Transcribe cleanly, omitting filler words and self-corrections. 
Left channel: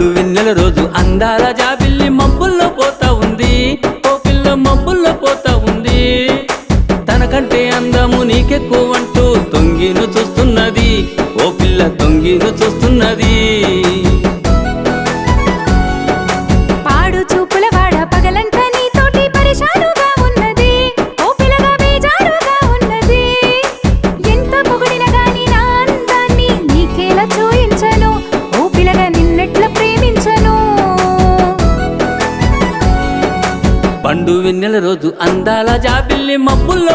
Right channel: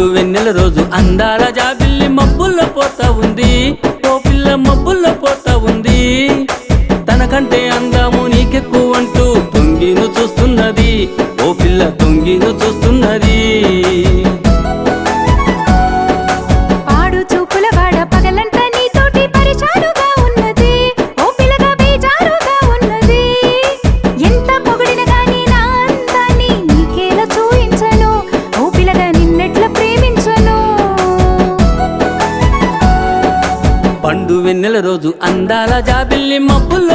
పండు వెన్నెల రోజు అందాల జాబిల్లి మబ్బుల్లో పోతా ఉంది, ఓ పిల్ల మబ్బుల్లో పోతా ఉంది. తనకంటే అందము నీకెక్కువంటూ తొంగిను చూస్తున్నది, ఓ పిల్ల తొంగిను చూస్తున్నది. పాడు చూపుల వాడ పగలంతా నీతోటి పరిశానుగా ఉన్నది, ఓ పిల్లగా బేజారుగా ఉన్నది. ఎంత పొగిడినా నా అందాన్ని నీకేలా చూయించను, ఓ పిల్లగా నిన్నెట్లా ప్రేమించను. పండు వెన్నెల రోజు అందాల జాబిల్లి మబ్బుల్లో